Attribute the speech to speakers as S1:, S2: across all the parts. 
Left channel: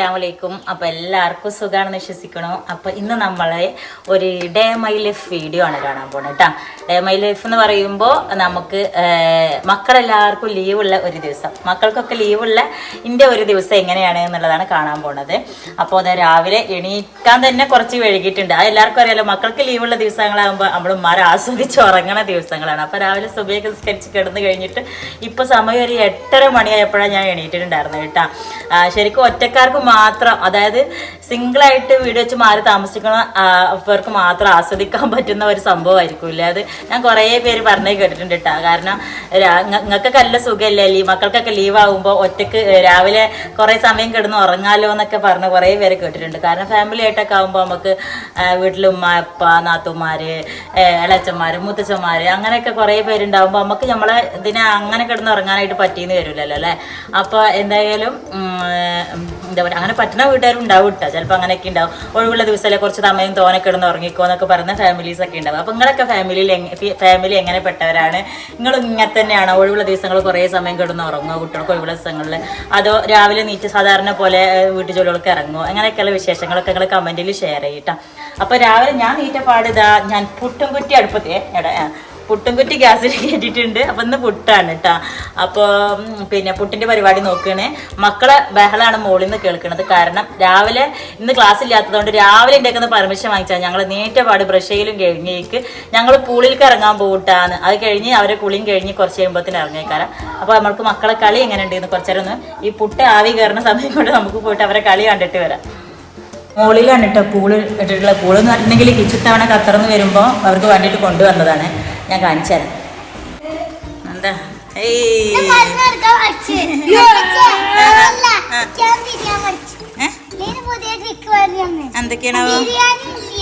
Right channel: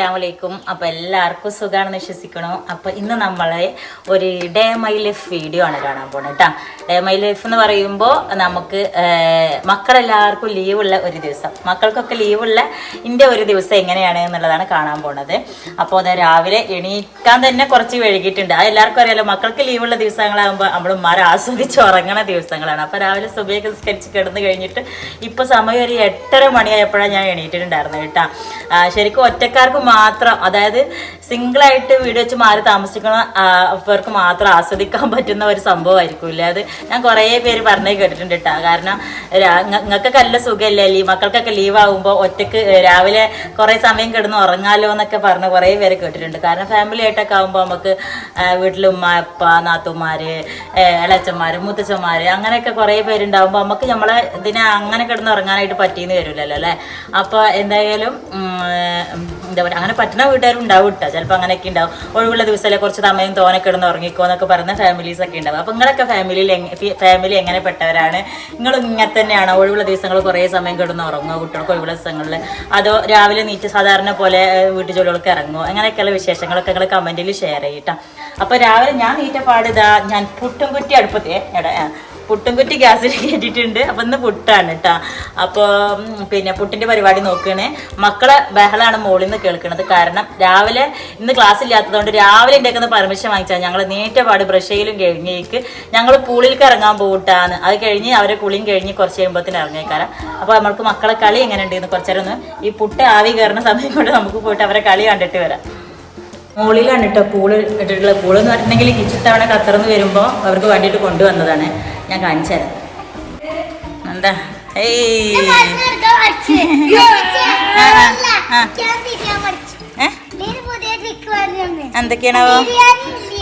S1: അസ്സാം വലൈക്കും അപ്പോൾ എല്ലാവർക്കും സുഖമാണെന്ന് വിശ്വസിക്കണു. അപ്പോൾ ഇന്ന് നമ്മൾ ഒരു ഡേ മൈ ലൈഫ് വീഡിയോ ആണ് കാണാൻ പോകുന്നത് കേട്ടോ ഡേ മൈ ലൈഫ് എന്ന് പറയുമ്പോൾ നമുക്ക് മക്കളെല്ലാവർക്കും ലീവുള്ള ഒരു ദിവസം. മക്കൾക്കൊക്കെ ലീവുള്ള ഇന്റെ ഒരു ദിവസം എങ്ങനെയാണ് എന്നുള്ളതാണ് കാണാൻ പോണത്. അപ്പോൾ അത് രാവിലെ എണീക്കാൻ തന്നെ കുറച്ച് വൈകിട്ടുണ്ട് അത് എല്ലാവർക്കും അറിയാലോ മക്കൾക്ക് ലീവുള്ള ദിവസങ്ങളാകുമ്പോൾ നമ്മൾ ഉമ്മാരെ ആസ്വദിച്ച് ഉറങ്ങണ ദിവസങ്ങളാണ്. അപ്പോൾ രാവിലെ സുബയൊക്കെ സംസ്കരിച്ച് കിടന്ന് കഴിഞ്ഞിട്ട് ഇപ്പോൾ സമയം ഒരു എട്ടര മണിയായപ്പോഴാണ് ഞാൻ എണീറ്റിട്ടുണ്ടായിരുന്നത് കേട്ടോ ശരിക്കും ഒറ്റക്കാർക്ക് മാത്രം അതായത് സിംഗിളായിട്ട് വീട് വെച്ച് മാറി താമസിക്കുന്ന അവർക്ക് മാത്രം ആസ്വദിക്കാൻ പറ്റുന്ന ഒരു സംഭവമായിരിക്കില്ല അത് ഞാൻ കുറേ പേര് പറഞ്ഞേ കേട്ടിട്ടുണ്ട് കേട്ടോ കാരണം നിങ്ങൾക്കൊക്കെ നല്ല സുഖമല്ലേ? ലീവ് മക്കൾക്കൊക്കെ ലീവ് ആകുമ്പോൾ ഒറ്റയ്ക്ക് രാവിലെ കുറേ സമയം കിടന്ന് ഉറങ്ങാലോ എന്നൊക്കെ പറഞ്ഞ് കുറേ പേര് കേട്ടിട്ടുണ്ട്. കാരണം ഫാമിലി ആയിട്ടൊക്കെ ആകുമ്പോൾ നമുക്ക് വീട്ടിൽ ഉമ്മ അപ്പ നാത്തുമാര് ഇളച്ചന്മാർ മുത്തച്ഛന്മാർ അങ്ങനെയൊക്കെ കുറേ പേരുണ്ടാകുമ്പോൾ നമുക്ക് നമ്മളെ ഇതിനെ അങ്ങനെ കിടന്ന് ഉറങ്ങാനായിട്ട് പറ്റിയെന്ന് വരില്ലല്ലോ അല്ലേ? അപ്പോൾ എന്തായാലും എന്താ പറയുക അങ്ങനെ പറ്റുന്ന വീട്ടുകാരും ഉണ്ടാവും കേട്ടോ ചിലപ്പോൾ അങ്ങനെയൊക്കെ ഉണ്ടാവും. ഒഴിവുള്ള ദിവസമല്ലേ കുറച്ച് സമയം തോനെ കിടന്ന് ഉറങ്ങിക്കോ എന്നൊക്കെ പറയുന്ന ഫാമിലീസ് ഒക്കെ ഉണ്ടാവും. അപ്പോൾ നിങ്ങളൊക്കെ ഫാമിലിയിൽ ഫാമിലി എങ്ങനെ പെട്ടവരാണ്? നിങ്ങൾ ഇങ്ങനെ തന്നെയാണോ? ഒഴിവുള്ള ദിവസങ്ങൾ കുറേ സമയം കിടന്ന് ഉറങ്ങുമോ കുട്ടികൾക്ക് ഒഴിവുള്ള ദിവസങ്ങളിൽ? അതോ രാവിലെ നീറ്റ് സാധാരണ പോലെ വീട്ടു ജോലികൾക്ക് ഇറങ്ങുമോ അങ്ങനെയൊക്കെയുള്ള വിശേഷങ്ങളൊക്കെ നിങ്ങൾ കമന്റിൽ ഷെയർ ചെയ്യട്ടോ അപ്പോൾ രാവിലെ ഞാൻ നീറ്റ പാടിതാ ഞാൻ പുട്ടും കുറ്റി അടുപ്പത്തെ എടാ പുട്ടും കുറ്റി ഗ്യാസിൽ കയറ്റിയിട്ടുണ്ട് അപ്പം ഇന്ന് പുട്ടാണ് കേട്ടോ അപ്പോൾ പിന്നെ പുട്ടിന്റെ പരിപാടി നോക്കുകയാണ്. മക്കളെ ബഹളാണ് മുകളിൽ നിന്ന് കേൾക്കുന്നത്. കാരണം രാവിലെ ഇന്ന് ക്ലാസ് ഇല്ലാത്തതുകൊണ്ട് രാവിലെ ഉണ്ടാക്കുന്ന പെർമിഷൻ വാങ്ങിച്ചാൽ ഞങ്ങൾ നേറ്റപാട് ബ്രഷയിലും കഴിഞ്ഞേക്ക് ഞങ്ങൾ പൂളിലേക്ക് ഇറങ്ങാൻ പോകട്ടാന്ന് അത് കഴിഞ്ഞ് അവരെ കുളിയും കഴിഞ്ഞ് കുറച്ച് കഴിയുമ്പോഴത്തേന് ഇറങ്ങിയേക്കാരം. അപ്പൊ നമ്മൾക്ക് മക്കളെ കളി എങ്ങനെ ഉണ്ടെന്ന് കുറച്ചേരം ഒന്ന് ഈ പുട്ട് ആവി കയറുന്ന സമയം കൊണ്ട് നമുക്ക് പോയിട്ട് അവരെ കളി കണ്ടിട്ട് വരാം. മുകളിലാണ് കേട്ടോ പൂൾ ഇട്ടിട്ടുള്ള പൂൾ എന്ന് പറഞ്ഞിട്ടുണ്ടെങ്കിൽ കിച്ചൺ തവണ കത്തറന്ന് വരുമ്പോൾ അവർക്ക് വേണ്ടിയിട്ട് കൊണ്ടുവന്നതാണ്. ഞാൻ കാണിച്ചു തരാം. എന്താ? ഏയ്. ഏ? എന്തൊക്കെയാണോ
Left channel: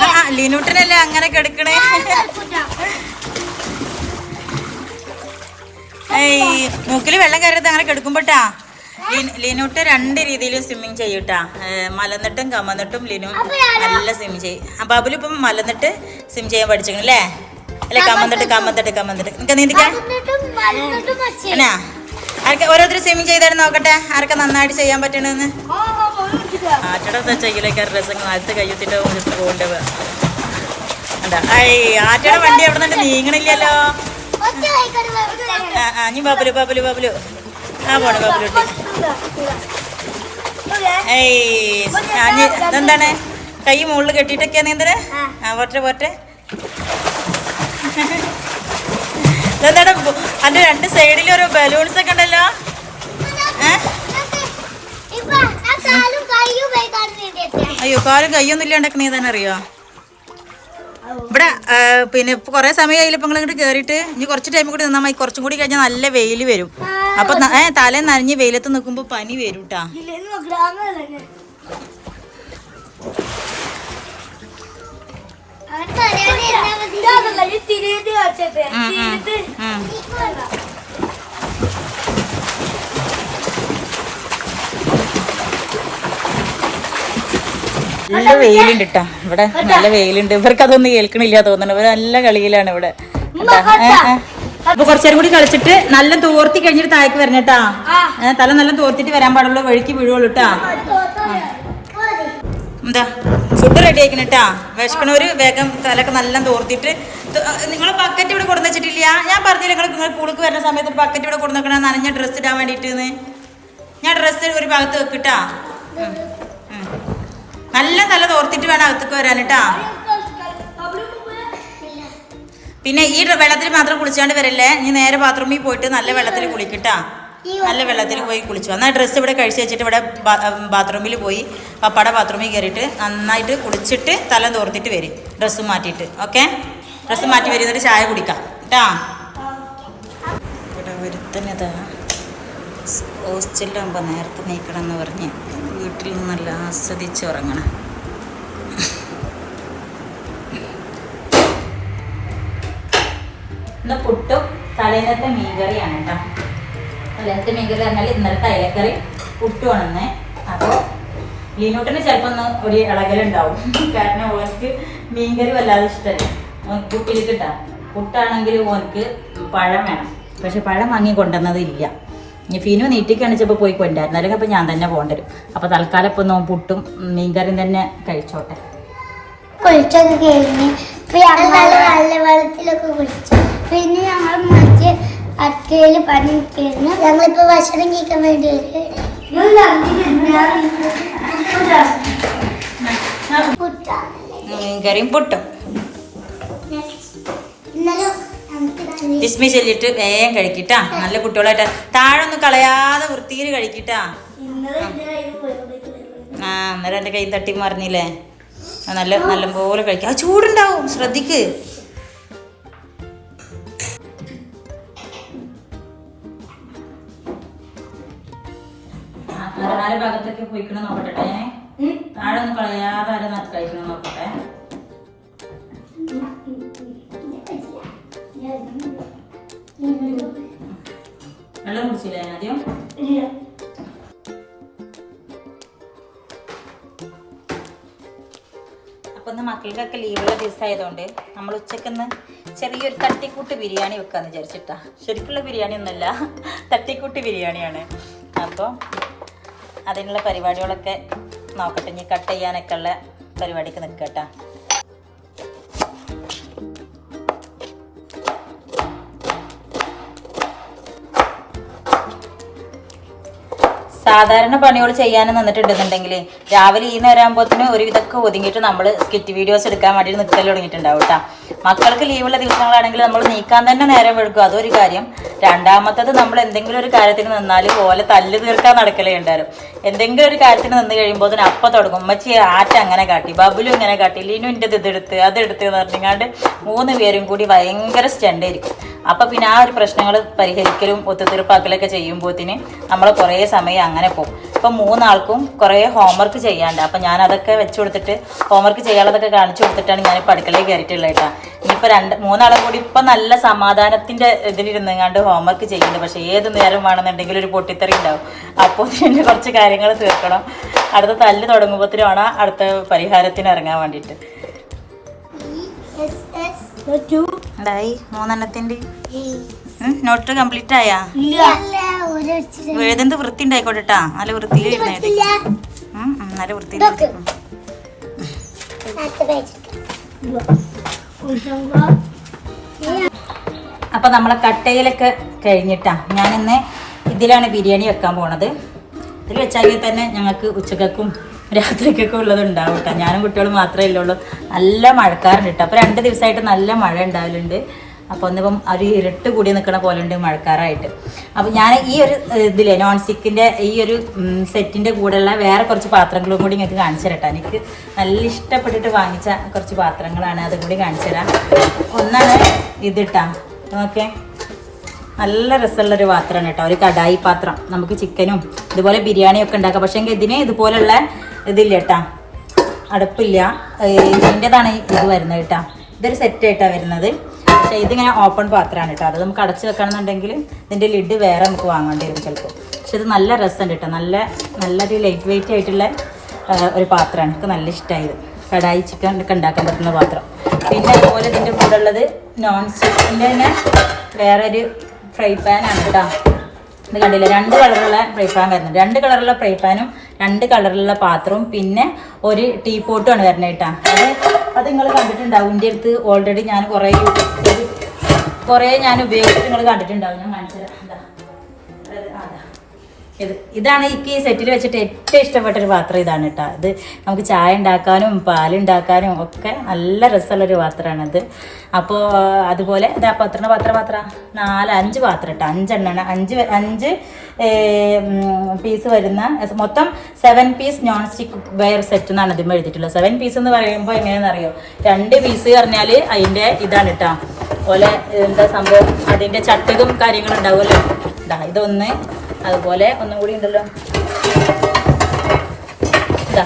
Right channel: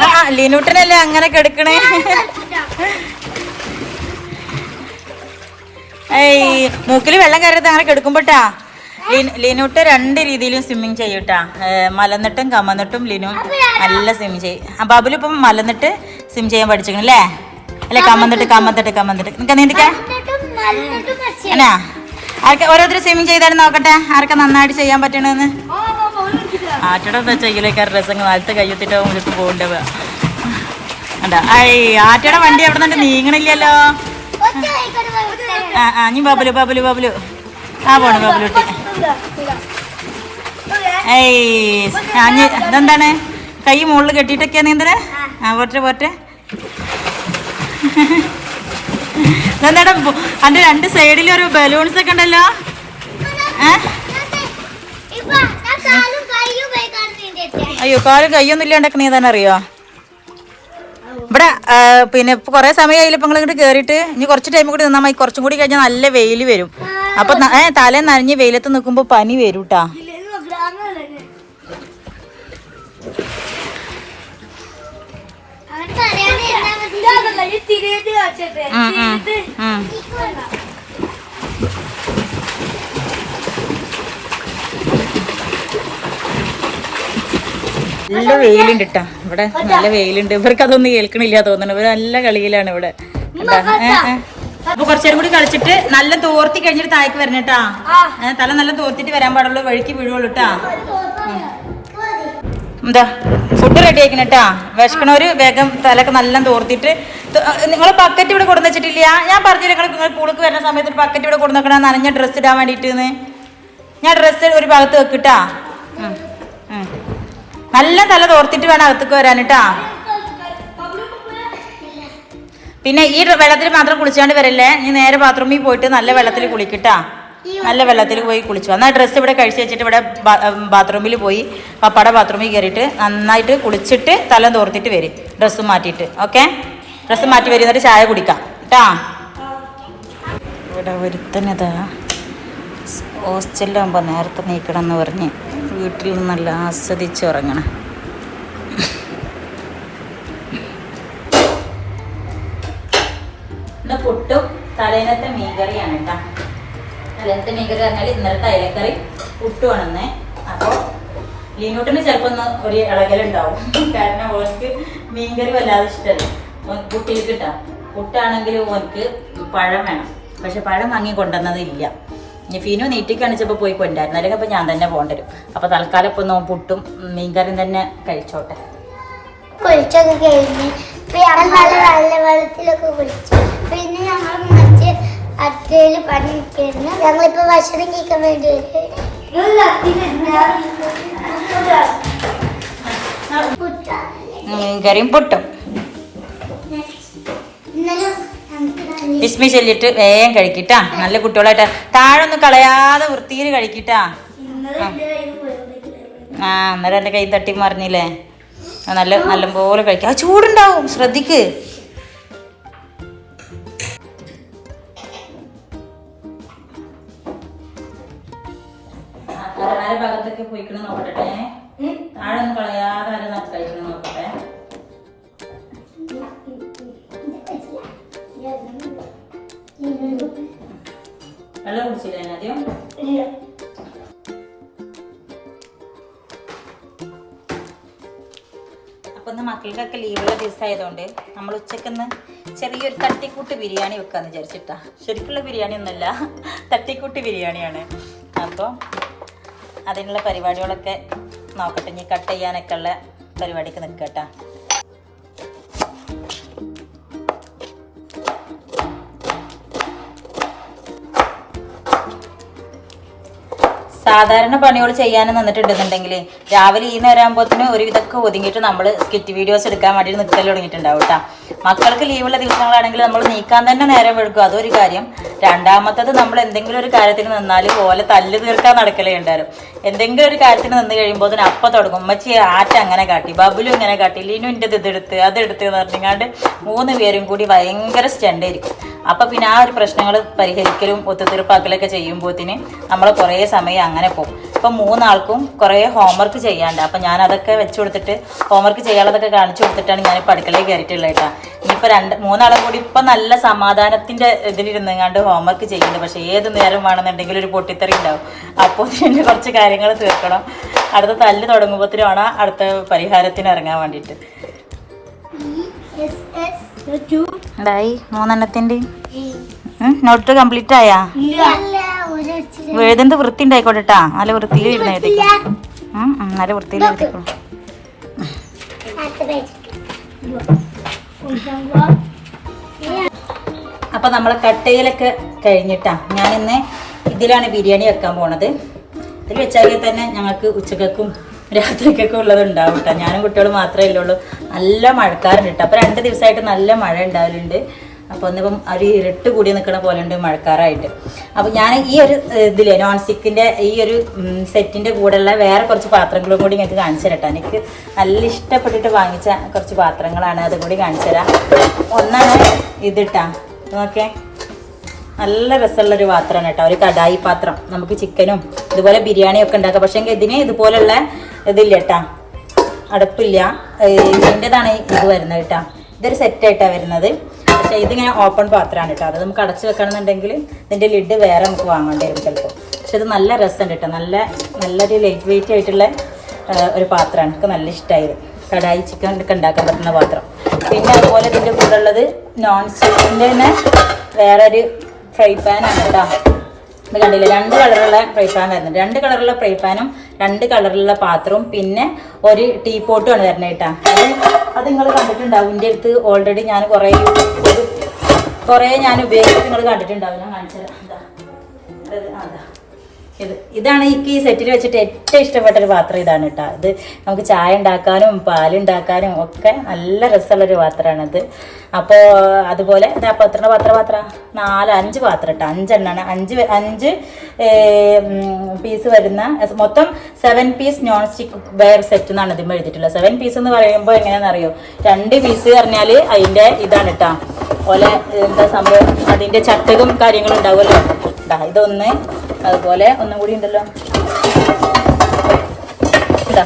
S1: ആ ലീനൂട്ടനല്ലേ അങ്ങനെ കെടുക്കണേ? ഏയ് മൂക്കിൽ വെള്ളം കയറരുത് അങ്ങനെ കിടക്കുമ്പോട്ടാ ലീനൂട്ട് രണ്ട് രീതിയിലും സ്വിമ്മിങ് ചെയ്യൂട്ടാ. മലന്നിട്ടും കമന്നിട്ടും ലിനു നല്ല സ്വിമ്മിങ് ചെയ്യും. ബാബുൽ ഇപ്പം മലന്നിട്ട് സ്വിം ചെയ്യാൻ പഠിച്ചിരിക്കണം അല്ലേ? അല്ലെ കമന്നിട്ട് കമന്നിട്ട് കമന്നിട്ട് നിനക്ക് നീന്തിക്കാൻ എന്നാ ആർക്ക് ഓരോരുത്തർ സ്വിമ്മിങ് ചെയ്താലും നോക്കട്ടെ. ആർക്കെ നന്നായിട്ട് ചെയ്യാൻ പറ്റണമെന്ന് ആറ്റയുടെ ചെയ്യലേക്കാർ രസങ്ങൾ ആദ്യത്തെ കയ്യെത്തിട്ട് പോകണ്ടവ എന്താ ഐ ആറ്റയുടെ വണ്ടി അവിടെ നിന്നുണ്ട് നീങ്ങണില്ലല്ലോ. ആ ആ നീ ബാബുലു ബാബുലു ബാബുലു. ആ പോണു ബാബുലുട്ടി ഏയ് അഞ്ഞ് ഇതെന്താണ്? കൈ മുകളിൽ കെട്ടിയിട്ടൊക്കെയാ നീന്തൽ ആ. പോട്ടെ പോട്ടെ. ഇതെന്താണ്? അതിന്റെ രണ്ട് സൈഡിൽ ഒരു ബലൂൺസ് ഒക്കെ ഉണ്ടല്ലോ. അയ്യോ കാലും കൈയൊന്നും ഇല്ലാണ്ടൊക്കെ നീ തന്നെ അറിയോ? ഇവിടെ പിന്നെ കൊറേ സമയമായില്ല ഇപ്പൊ നിങ്ങൾ ഇങ്ങോട്ട് കേറിയിട്ട്. ഇനി കുറച്ച് ടൈം കൂടി നിന്നാ മതി. കുറച്ചും കൂടി കഴിഞ്ഞാൽ നല്ല വെയിൽ വരും. അപ്പൊ ഏ തല നനഞ്ഞ് വെയിലത്ത് നിൽക്കുമ്പോ പനി വരും കേട്ടാ നല്ല വെയിലുണ്ട് കേട്ടാ ഇവിടെ നല്ല വെയിലുണ്ട്. ഇവർക്ക് അതൊന്നും കേൾക്കണില്ല തോന്നണ ഇവർ നല്ല കളിയിലാണ് ഇവിടെ. അപ്പൊ കുറച്ചേരം കൂടി കളിച്ചിട്ട് നല്ല തോർത്തി കഴിഞ്ഞിട്ട് താഴേക്ക് വരണം കേട്ടാ. തല നല്ല തോർത്തിട്ട് വരാൻ പാടുള്ളൂ വഴിക്ക് വീഴുള്ളൂ കേട്ടാ. എന്താ ഫുഡ് റെഡി ആക്കണം കേട്ടാ. വിശക്കണവര് വേഗം തലക്ക് നല്ല തോർത്തിട്ട് നിങ്ങൾ ബക്കറ്റ് ഇവിടെ കൊടുന്ന് വെച്ചിട്ടില്ല. ഞാൻ പറഞ്ഞില്ല നിങ്ങൾ നിങ്ങൾ പൂളിക്ക് വരുന്ന സമയത്ത് ബക്കറ്റ് ഇവിടെ കൊടുന്ന് വെക്കണം നനഞ്ഞ ഡ്രസ്സ് ഇടാൻ വേണ്ടിയിട്ട് ഞാൻ ഡ്രസ്സ് ഒരു ഭാഗത്ത് വെക്കിട്ടാ. നല്ല തല തോർത്തിട്ട് വേണം അകത്തേക്ക് വരാൻ കേട്ടാ. പിന്നെ ഈ വെള്ളത്തിൽ മാത്രം കുളിച്ചാണ്ട് വരല്ലേ? നീ നേരെ ബാത്റൂമിൽ പോയിട്ട് നല്ല വെള്ളത്തിൽ കുളിക്കട്ടാ. നല്ല വെള്ളത്തിൽ പോയി കുളിച്ചു. എന്നാൽ ഡ്രസ്സ് ഇവിടെ കഴിച്ച് വെച്ചിട്ട് ഇവിടെ ബാത്റൂമിൽ പോയി. പപ്പയുടെ ബാത്റൂമിൽ കയറിയിട്ട് നന്നായിട്ട് കുളിച്ചിട്ട് തലം തോർത്തിട്ട് വരും. ഡ്രസ്സ് മാറ്റിയിട്ട്. ഓക്കെ ഡ്രസ്സ് മാറ്റി വരും. എന്നിട്ട് ചായ കുടിക്കാം. കേട്ടാ ഇവിടെ ഒരുത്തനതാ ഹോസ്റ്റലിലാകുമ്പോൾ നേരത്തെ നീക്കണം എന്ന് പറഞ്ഞ് വീട്ടിൽ നല്ല ആസ്വദിച്ച് ഉറങ്ങണം. ഇന്ന് പുട്ടും മീൻ മീൻകറിയാണ് കേട്ടോ. മീൻ മീൻകറി പറഞ്ഞാൽ ഇന്നലത്തെ അയലക്കറി പുട്ടുമാണെന്ന് അപ്പോൾ ലീനൂട്ടിന് ചിലപ്പോൾ ഒന്ന് ഒരു ഇളകലുണ്ടാവും. കാരണം ഓർക്ക് മീൻകറി വല്ലാതെ ഇഷ്ടമല്ല ഓൻ പുട്ടിൽ ഇട്ടാ പുട്ടാണെങ്കിൽ ഓനക്ക് പഴം വേണം. പക്ഷെ പഴം വാങ്ങി കൊണ്ടുവന്നത് ഇല്ല. ഇനി ഫീനു നീട്ടി കാണിച്ചപ്പോൾ പോയി കൊണ്ടായിരുന്നു അല്ലെങ്കിൽ അപ്പോൾ ഞാൻ തന്നെ പോകേണ്ടി വരും. അപ്പോൾ തൽക്കാലം ഇപ്പോൾ നോ പുട്ടും മീൻകറിയും തന്നെ കഴിച്ചോട്ടെ.
S2: കുളിച്ചൊക്കെ കഴിഞ്ഞ്. വെള്ളത്തിലൊക്കെ കുളിച്ചു. പിന്നെ ഞങ്ങൾ മറ്റേ പണി പണിയിരിക്കുന്നു ഞങ്ങളിപ്പോ ഭക്ഷണം കഴിക്കാൻ വേണ്ടി
S1: മീൻകറിയും പുട്ടും. വിസ്മി ചെല്ലിട്ട് വേഗം കഴിക്കട്ടാ. നല്ല കുട്ടികളായിട്ട്. താഴെ ഒന്നും കളയാതെ വൃത്തിയിൽ കഴിക്കട്ടാ. ആ അന്നേരം എന്റെ കൈ തട്ടി മറിഞ്ഞില്ലേ? നല്ല നല്ല നല്ലപോലെ കഴിക്കാം. ആ ചൂടുണ്ടാവും. ശ്രദ്ധിക്ക്. ഭാഗത്തൊക്കെ പോയിക്കണം നോക്കട്ടെ. താഴെ ഒന്ന് കളയാതെ ആരും കഴിക്കണം നോക്കട്ടെ. വെള്ളം കുടിച്ചില്ലേ ആദ്യം? അപ്പൊ ഇന്ന് മക്കൾക്കൊക്കെ ലീവുള്ള ദിവസമായതുകൊണ്ട് നമ്മൾ ഉച്ചക്കൊന്ന് ചെറിയൊരു തട്ടിക്കൂട്ട് ബിരിയാണി വെക്കാന്ന് വിചാരിച്ചിട്ടാ. ശരിക്കുള്ള ബിരിയാണി ഒന്നുമല്ല തട്ടിക്കൂട്ട് ബിരിയാണിയാണ്. അപ്പോൾ അതിനുള്ള പരിപാടികളൊക്കെ നോക്കട്ടെ. ഇനി കട്ട് ചെയ്യാനൊക്കെ ഉള്ള പരിപാടിക്ക് നിൽക്കട്ടാ സാധാരണ പണികൾ ചെയ്യാൻ നിന്നിട്ടുണ്ടെന്നുണ്ടെങ്കിൽ രാവിലെ ഈ നേരം ആകുമ്പോഴത്തേന് ഒരു ഇതൊക്കെ ഒതുങ്ങിയിട്ട് നമ്മൾ സ്കിറ്റ് വീഡിയോസ് എടുക്കാൻ വേണ്ടിയിട്ട് നിൽക്കൽ തുടങ്ങിയിട്ടുണ്ടാവും കേട്ടോ. മക്കൾക്ക് ലീവുള്ള ദിവസങ്ങളാണെങ്കിൽ നമ്മൾ നീക്കാൻ തന്നെ നേരം എടുക്കും അതൊരു കാര്യം. രണ്ടാമത്തത് നമ്മൾ എന്തെങ്കിലും ഒരു കാര്യത്തിന് നിന്നാൽ പോലെ തല്ല് തീർക്കാൻ നടക്കലേ ഉണ്ടായിരുന്നു. എന്തെങ്കിലും ഒരു കാര്യത്തിന് നിന്ന് കഴിയുമ്പോൾ തന്നെ അപ്പം തുടങ്ങും. ഉമ്മച്ചി ആറ്റ അങ്ങനെ കാട്ടി ബബുലും ഇങ്ങനെ കാട്ടി ലീനു എന്റെ ഇതെടുത്ത് അതെടുത്ത് എന്ന് പറഞ്ഞാണ്ട് മൂന്ന് പേരും കൂടി ഭയങ്കര സ്റ്റണ്ടായിരിക്കും അപ്പം പിന്നെ ആ ഒരു പ്രശ്നങ്ങൾ പരിഹരിക്കലും ഒത്തുതീർപ്പാക്കലൊക്കെ ചെയ്യുമ്പോഴത്തേന് നമ്മൾ കുറേ സമയം അങ്ങനെ പോകും. ഇപ്പം മൂന്നാൾക്കും കുറേ ഹോംവർക്ക് ചെയ്യാണ്ട് അപ്പം ഞാൻ അതൊക്കെ വെച്ച് കൊടുത്തിട്ട് ഹോംവർക്ക് ചെയ്യാനുള്ളതൊക്കെ കാണിച്ചു കൊടുത്തിട്ടാണ് ഞാൻ ഇപ്പോൾ അടുക്കളയിൽ കയറിയിട്ടുള്ളത് കേട്ടോ. ഇനിയിപ്പോൾ രണ്ട് മൂന്നാളും കൂടി ഇപ്പം നല്ല സമാധാനത്തിന്റെ ഇതിലിരുന്നെങ്ങാണ്ട് ഹോംവർക്ക് ചെയ്യുന്നുണ്ട്. പക്ഷേ ഏത് നേരം വേണമെന്നുണ്ടെങ്കിൽ ഒരു പൊട്ടിത്തെറി ഉണ്ടാവും. അപ്പോൾ ഇതിന്റെ കുറച്ച് കാര്യങ്ങൾ തീർക്കണം. അടുത്ത തല്ല് തുടങ്ങുമ്പോഴത്തേനാണ് അടുത്ത പരിഹാരത്തിന് ഇറങ്ങാൻ വേണ്ടിയിട്ട്. എന്തായി? മൂന്നെണ്ണത്തിന്റെ? നോട്ട് കംപ്ലീറ്റ് ആയാ? എഴുതുന്നത് വൃത്തി ഉണ്ടായിക്കോട്ടെ ട്ടാ. നല്ല വൃത്തിയിൽ ഇരുന്ന് എഴുതിക്കോ നല്ല വൃത്തിയിൽ എഴുതിക്കോ അപ്പൊ നമ്മളെ കട്ടയിലൊക്കെ കഴിഞ്ഞിട്ടാ. ഞാൻ ഇന്ന് ഇതിലാണ് ബിരിയാണി വെക്കാൻ പോണത്. ഇതിൽ വെച്ചാൽ തന്നെ ഞങ്ങൾക്ക് ഉച്ചക്കും രാത്രിക്കൊക്കെ ഉള്ളത് ഉണ്ടാവും കേട്ടോ ഞാനും കുട്ടികളും മാത്രമേ ഉള്ളൂ. നല്ല മഴക്കാറുണ്ട് കേട്ടോ അപ്പോൾ രണ്ട് ദിവസമായിട്ട് നല്ല മഴ ഉണ്ടാവലുണ്ട്. അപ്പോൾ ഒന്നിപ്പം ഒരു ഇരുട്ട് കൂടി നിൽക്കുന്ന പോലെ ഉണ്ട് മഴക്കാറായിട്ട്. അപ്പോൾ ഞാൻ ഈ ഒരു ഇതിലെ നോൺ സ്റ്റിക്കിന്റെ ഈ ഒരു സെറ്റിന്റെ കൂടെയുള്ള വേറെ കുറച്ച് പാത്രങ്ങളും കൂടി നിങ്ങൾക്ക് കാണിച്ചു തരട്ടെ. എനിക്ക് നല്ല ഇഷ്ടപ്പെട്ടിട്ട് വാങ്ങിച്ച കുറച്ച് പാത്രങ്ങളാണ് അതും കൂടി കാണിച്ചു തരാം. ഒന്നാണ് ഇതിട്ടാ. ഓക്കെ നല്ല രസമുള്ളൊരു പാത്രമാണ് കേട്ടോ. ഒരു കടായി പാത്രം. നമുക്ക് ചിക്കനും ഇതുപോലെ ബിരിയാണിയും ഒക്കെ ഉണ്ടാക്കാം. പക്ഷേ ഇതിന് ഇതുപോലുള്ള ഇതില്ല കേട്ടാ. അടുപ്പില്ല. ഇതിന്റെതാണ് ഇത് വരുന്നത് കേട്ടോ. ഇതൊരു സെറ്റായിട്ടാണ് വരുന്നത്. പക്ഷേ ഇതിങ്ങനെ ഓപ്പൺ പാത്രമാണ് കേട്ടോ. അത് നമുക്ക് അടച്ച് വെക്കണമെന്നുണ്ടെങ്കിൽ ഇതിന്റെ ലിഡ് വേറെ നമുക്ക് വാങ്ങേണ്ടി വരും ചിലപ്പോൾ. പക്ഷെ ഇത് നല്ല രസമുണ്ട് കേട്ടോ. നല്ല നല്ലൊരു ലൈറ്റ് വെയിറ്റ് ആയിട്ടുള്ള ഒരു പാത്രമാണ്. എനിക്ക് നല്ല ഇഷ്ടമായത്. കടായി ചിക്കൻ ഒക്കെ ഉണ്ടാക്കാൻ പറ്റുന്ന പാത്രം. പിന്നെ അതുപോലെ ഇതിന്റെ കൂടെ ഉള്ളത് നോൺ സ്റ്റിക്കിന്റെ തന്നെ ഒരു ഫ്രൈ പാനാണ് കേട്ടോ. ഇത് കണ്ടില്ല? രണ്ട് കളറുള്ള ഫ്രൈ പാൻ വരുന്നുണ്ട്. രണ്ട് കളറുള്ള ഫ്രൈ പാനും രണ്ട് കളറുള്ള പാത്രവും പിന്നെ ഒരു ടീ പോട്ടുമാണ് വരുന്നത് കേട്ടോ. അത് അത് നിങ്ങൾ കണ്ടിട്ടുണ്ടാവും. എന്റെ അടുത്ത് ഓൾറെഡി ഞാൻ കുറേ കുറേ ഞാൻ ഉപയോഗിച്ചിട്ട് നിങ്ങൾ കണ്ടിട്ടുണ്ടാവും. ഞാൻ കാണിച്ചത് എന്താ. ഇത് ഇതാണ് എനിക്ക് ഈ സെറ്റിൽ വെച്ചിട്ട് ഏറ്റവും ഇഷ്ടപ്പെട്ട ഒരു പാത്രം ഇതാണ് കേട്ടോ ഇത് നമുക്ക് ചായ ഉണ്ടാക്കാനും പാലുണ്ടാക്കാനും ഒക്കെ നല്ല രസമുള്ളൊരു പാത്രമാണിത് അപ്പോൾ അതുപോലെ ഇതാ പത്ര പാത്ര പാത്ര നാല് അഞ്ച് പാത്രം കേട്ടോ അഞ്ചെണ്ണാണ്. അഞ്ച് അഞ്ച് പീസ് വരുന്ന മൊത്തം seven piece non stick ware set എന്നാണ് ഇതിന് എഴുതിയിട്ടുള്ളത്. സെവൻ പീസ് എന്ന് പറയുമ്പോൾ എങ്ങനെയാണെന്ന് അറിയോ? രണ്ട് പീസ് പറഞ്ഞാൽ അതിന്റെ ഇതാണ് കേട്ടോ പോലെ എന്താ സംഭവം? അതിന്റെ ചട്ടകം കാര്യങ്ങളും ഉണ്ടാവുമല്ലോ. ഇതാ ഇതൊന്ന് അതുപോലെ ഒന്നും കൂടി ഉണ്ടല്ലോ. ഇതാ.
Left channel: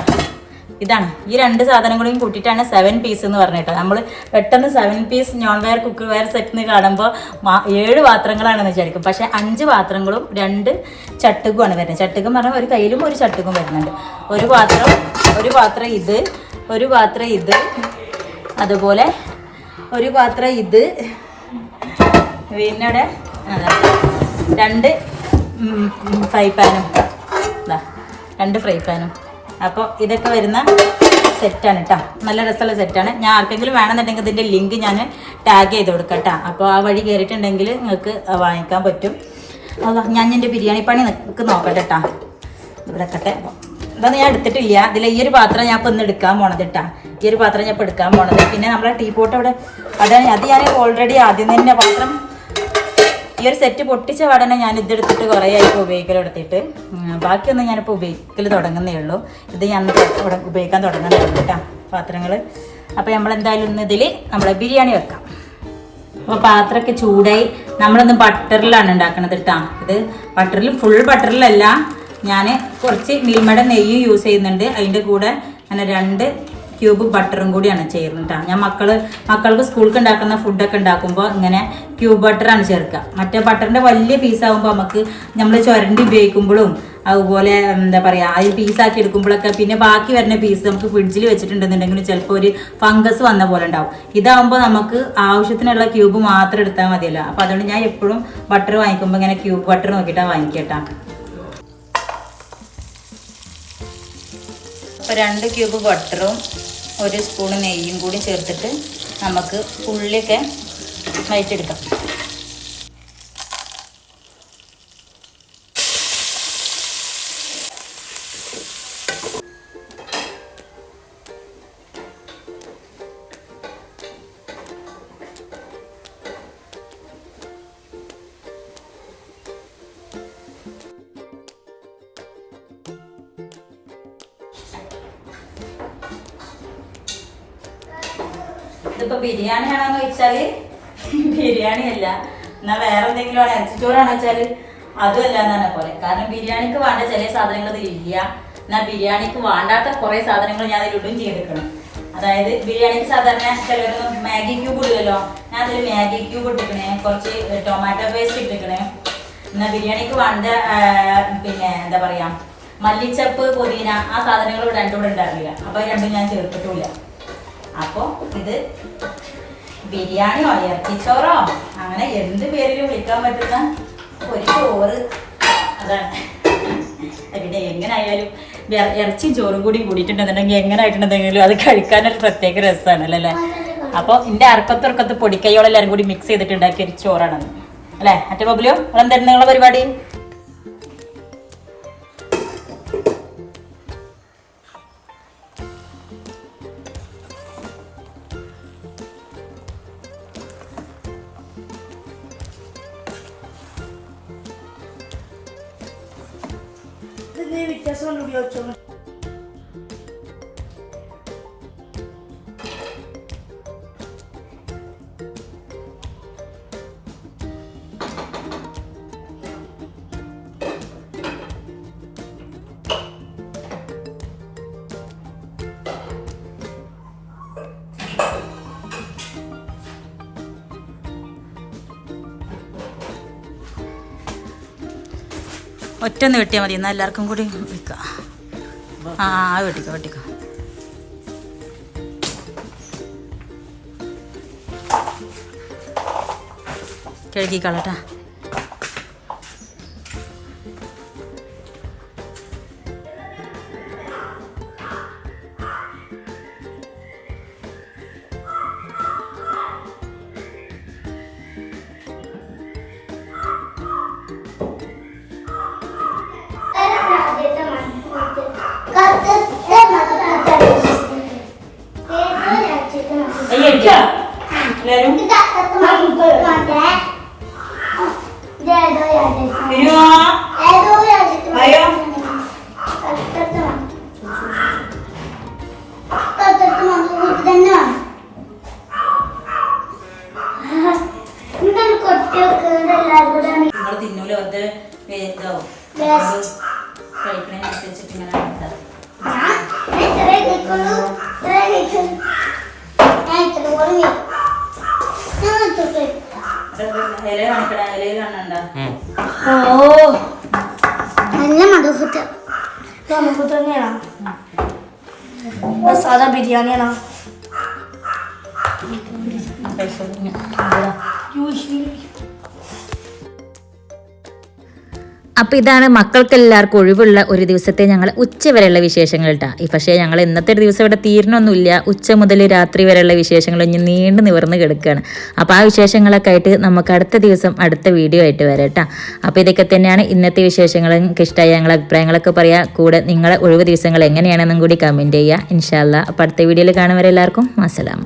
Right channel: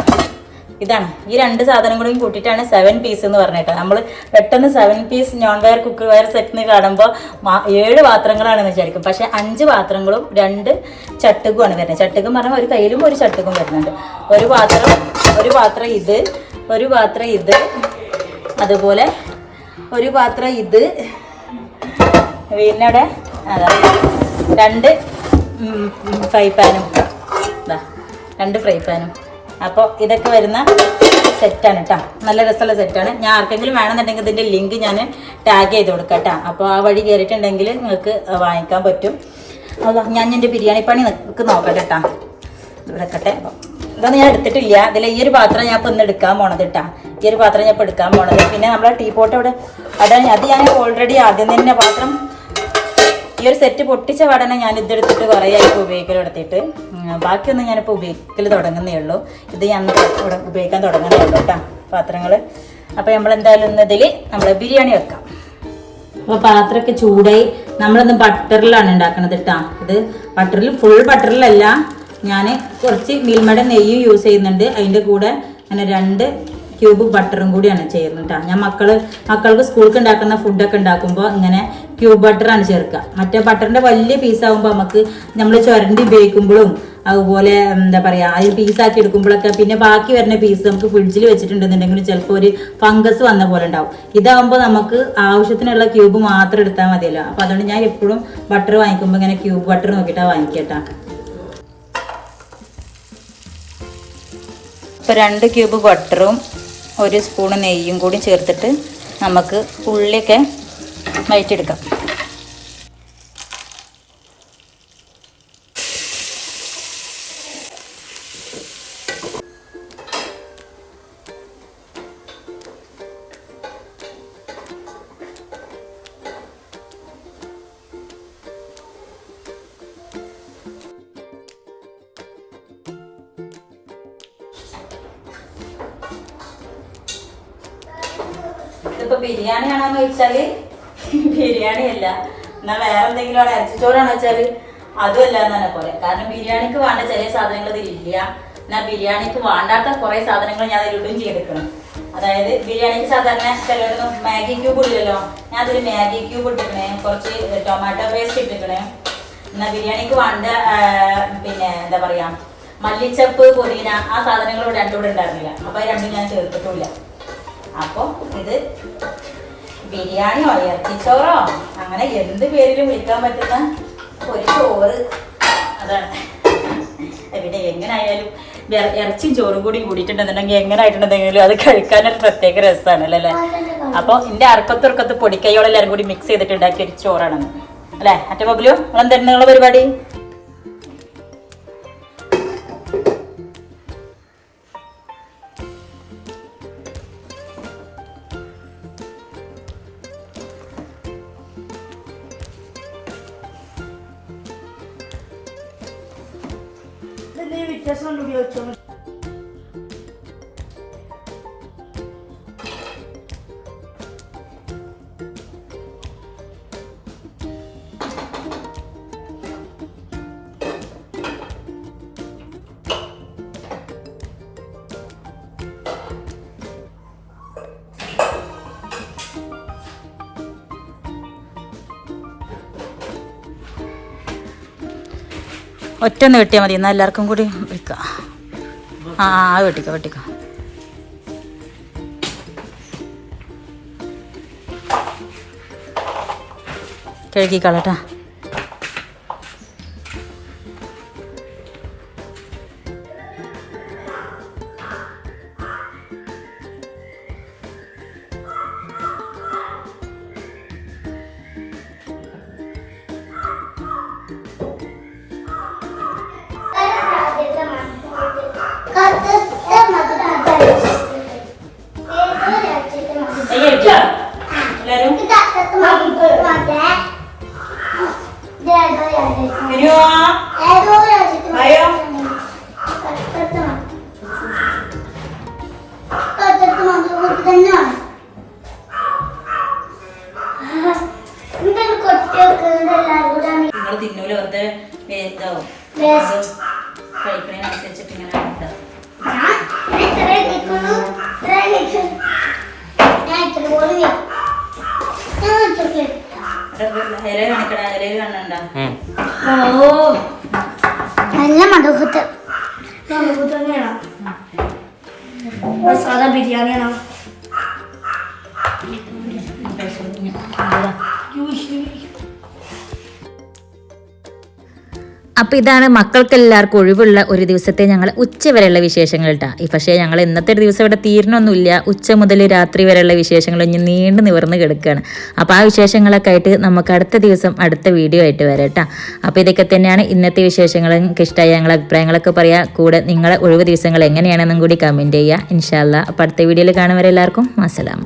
S1: ഇതാണ്. ഈ രണ്ട് സാധനം കൂടി കൂട്ടിയിട്ടാണ് സെവൻ പീസ് എന്ന് പറഞ്ഞിട്ട് നമ്മൾ പെട്ടെന്ന് seven piece non ware cook ware set എന്ന് കാണുമ്പോൾ ഏഴ് പാത്രങ്ങളാണെന്ന് വിചാരിക്കും. പക്ഷേ അഞ്ച് പാത്രങ്ങളും രണ്ട് ചട്ടുകുമാണ് വരുന്നത്. ചട്ടുകം പറഞ്ഞാൽ ഒരു കയ്യിലും ഒരു ചട്ടുകം വരുന്നുണ്ട്. ഒരു പാത്രം ഒരു പാത്രം ഇത് ഒരു പാത്രം ഇത് അതുപോലെ ഒരു പാത്രം ഇത് പിന്നെ രണ്ട് ഫ്രൈ പാനും. ഇതാ രണ്ട് ഫ്രൈ പാനും. അപ്പോൾ ഇതൊക്കെ വരുന്ന സെറ്റാണ് കേട്ടോ നല്ല രസമുള്ള സെറ്റാണ്. ഞാൻ ആർക്കെങ്കിലും വേണമെന്നുണ്ടെങ്കിൽ ഇതിന്റെ ലിങ്ക് ഞാൻ ടാഗ് ചെയ്ത് കൊടുക്കാം കേട്ടോ അപ്പോൾ ആ വഴി കയറിയിട്ടുണ്ടെങ്കിൽ നിങ്ങൾക്ക് വാങ്ങിക്കാൻ പറ്റും. അത് ഞാൻ എന്റെ ബിരിയാണി പണി നിങ്ങൾക്ക് നോക്കട്ടെ കേട്ടോ ഇവിടെ കട്ടെ ഇതൊന്നും ഞാൻ എടുത്തിട്ടില്ല. ഇതിൽ ഈ ഒരു പാത്രം ഞാൻ ഇപ്പം ഇന്ന് എടുക്കാൻ പോണത് കേട്ടാ ഈ ഒരു പാത്രം ഞാൻ ഇപ്പം എടുക്കാൻ പോണത്. പിന്നെ നമ്മളെ ടീ പോട്ട് അവിടെ അവിടെ അത് ഞാൻ ഓൾറെഡി ആദ്യം തന്നെ പാത്രം ഈ ഒരു സെറ്റ് പൊട്ടിച്ച പാടനെ ഞാൻ ഇതെടുത്തിട്ട് കുറേ ആയിട്ട് ഉപയോഗിക്കൽ എടുത്തിട്ട് ബാക്കിയൊന്നും ഞാനിപ്പോൾ ഉപയോഗിക്കൽ തുടങ്ങുന്നേ ഉള്ളൂ. ഇത് ഞാൻ ഉപയോഗിക്കാൻ തുടങ്ങുന്നേ ഉള്ളൂ കേട്ടോ പാത്രങ്ങൾ അപ്പോൾ നമ്മൾ എന്തായാലും ഇന്ന് ഇതിൽ നമ്മൾ ബിരിയാണി വെക്കാം. അപ്പോൾ പാത്രമൊക്കെ ചൂടായി നമ്മളിന്ന് ബട്ടറിലാണ് ഉണ്ടാക്കുന്നത് കേട്ടോ. ഇത് ബട്ടറിൽ ഫുൾ ബട്ടറിലല്ല ഞാൻ കുറച്ച് മിൽമയുടെ നെയ്യും യൂസ് ചെയ്യുന്നുണ്ട്. അതിന്റെ കൂടെ അങ്ങനെ രണ്ട് ക്യൂബ് ബട്ടറും കൂടിയാണ് ചെയ്യുന്നത് കേട്ടോ ഞാൻ മക്കൾ മക്കൾക്ക് സ്കൂൾക്ക് ഉണ്ടാക്കുന്ന ഫുഡൊക്കെ ഉണ്ടാക്കുമ്പോൾ ഇങ്ങനെ ക്യൂബ് ബട്ടറാണ് ചേർക്കുക. മറ്റേ ബട്ടറിന്റെ വലിയ പീസ് പീസാകുമ്പോൾ നമുക്ക് നമ്മൾ ചുരണ്ടി ഉപയോഗിക്കുമ്പോഴും അതുപോലെ എന്താ പറയുക അതിൽ പീസാക്കി എടുക്കുമ്പോഴൊക്കെ പിന്നെ ബാക്കി വരുന്ന പീസ് നമുക്ക് ഫ്രിഡ്ജിൽ വെച്ചിട്ടുണ്ടെന്നുണ്ടെങ്കിൽ ചിലപ്പോൾ ഒരു ഫംഗസ് വന്ന പോലെ ഉണ്ടാവും. ഇതാകുമ്പോൾ നമുക്ക് ആവശ്യത്തിനുള്ള ക്യൂബ് മാത്രം എടുത്താൽ മതിയല്ലോ. അപ്പോൾ അതുകൊണ്ട് ഞാൻ എപ്പോഴും ബട്ടർ വാങ്ങിക്കുമ്പോൾ ഇങ്ങനെ ക്യൂബ് ബട്ടർ നോക്കിയിട്ടാണ് വാങ്ങിക്കട്ടാ ഇപ്പോൾ രണ്ട് ക്യൂബ് ബട്ടറും ഒരു സ്പൂൺ നെയ്യും കൂടി ചേർത്തിട്ട് നമുക്ക് ഉള്ളിയൊക്കെ വഴിച്ചെടുക്കാം ഇതിപ്പോ ബിരിയാണി ആണോന്ന് ചോദിച്ചാൽ ബിരിയാണി അല്ല എന്നാ വേറെ എന്തെങ്കിലും ആണ് ഇറച്ചിച്ചോറാണെന്ന് വെച്ചാൽ അതും അല്ല എന്നാണ് പോലെ. കാരണം ബിരിയാണിക്ക് വേണ്ട ചില സാധനങ്ങൾ ഇതിലില്ല എന്നാ ബിരിയാണിക്ക് വേണ്ടാത്ത കുറെ സാധനങ്ങൾ ഞാൻ അതിലിടും ചെയ്തെടുക്കണം അതായത് ബിരിയാണിക്ക് സാധാരണ ചിലർ മാഗി ക്യൂബ് ഇല്ലല്ലോ ഞാൻ അതിൽ മാഗി ക്യൂബ് ഇട്ടിക്കണേ കുറച്ച് ടൊമാറ്റോ പേസ്റ്റ് ഇട്ടിക്കണേ എന്നാ ബിരിയാണിക്ക് വേണ്ട പിന്നെ എന്താ പറയാ മല്ലിച്ചപ്പ് പുതിന ആ സാധനങ്ങൾ രണ്ടും ഇവിടെ ഉണ്ടായിരുന്നില്ല. അപ്പൊ രണ്ടും ഞാൻ ചേർത്തിട്ടില്ല അപ്പോൾ ഇത് ബിരിയാണിയോ ഇറച്ചിച്ചോറോ അങ്ങനെ എന്ത് പേരിലും വിളിക്കാൻ പറ്റുന്ന ഒരു ചോറ്. അതാണ്. പിന്നെ എങ്ങനായാലും ആയാലും ഇറച്ചിയും ചോറും കൂടി കൂടിയിട്ടുണ്ടെന്നുണ്ടെങ്കിൽ എങ്ങനെ ആയിട്ടുണ്ടെങ്കിലും അത് കഴിക്കാനൊരു പ്രത്യേക രസമാണ് അല്ലേ? അപ്പോൾ എന്റെ അറക്കത്ത് ഉറക്കത്ത് പൊടിക്കൈയോളം കൂടി മിക്സ് ചെയ്തിട്ടുണ്ടാക്കിയ ഒരു ചോറാണെന്ന് അല്ലേ? മറ്റേ ബബ്ലിയോ നിങ്ങളെന്തായിരുന്നു നിങ്ങളുടെ പരിപാടി? ഒറ്റ ഒന്ന് വെട്ടിയാൽ മതി. എന്നാൽ എല്ലാവർക്കും കൂടി വെക്കാം. ആ ആ വെട്ടിക്കോ വെട്ടിക്കോ. കഴുകിക്കളട്ടാ പറയോ
S2: ഓ. നല്ല മധുപുട്ട് മധുപുട്ട് തന്നെയാണ് സാധാ ബിരിയാണിയാണോ?
S1: അപ്പോൾ ഇതാണ് മക്കൾക്ക് എല്ലാവർക്കും ഒഴിവുള്ള ഒരു ദിവസത്തെ ഞങ്ങൾ ഉച്ച വരെയുള്ള വിശേഷങ്ങൾ കേട്ടോ പക്ഷേ ഞങ്ങൾ ഇന്നത്തെ ഒരു ദിവസം ഇവിടെ തീരണമൊന്നുമില്ല ഉച്ച മുതൽ രാത്രി വരെയുള്ള വിശേഷങ്ങൾ ഇനി നീണ്ടു നിവർന്ന് കിടക്കുകയാണ് അപ്പോൾ ആ വിശേഷങ്ങളൊക്കെ ആയിട്ട് നമുക്ക് അടുത്ത ദിവസം അടുത്ത വീഡിയോ ആയിട്ട് വരാം കേട്ടോ അപ്പോൾ ഇതൊക്കെ തന്നെയാണ് ഇന്നത്തെ വിശേഷങ്ങൾ. നിങ്ങൾക്ക് ഇഷ്ടമായ ഞങ്ങളെ അഭിപ്രായങ്ങളൊക്കെ പറയാം. കൂടെ നിങ്ങളെ ഒഴിവ് ദിവസങ്ങൾ എങ്ങനെയാണെന്നും കൂടി കമന്റ് ചെയ്യുക ഇൻഷാല്ല അപ്പോൾ അടുത്ത വീഡിയോയിൽ കാണുന്നവരെല്ലാവർക്കും അസ്സലാം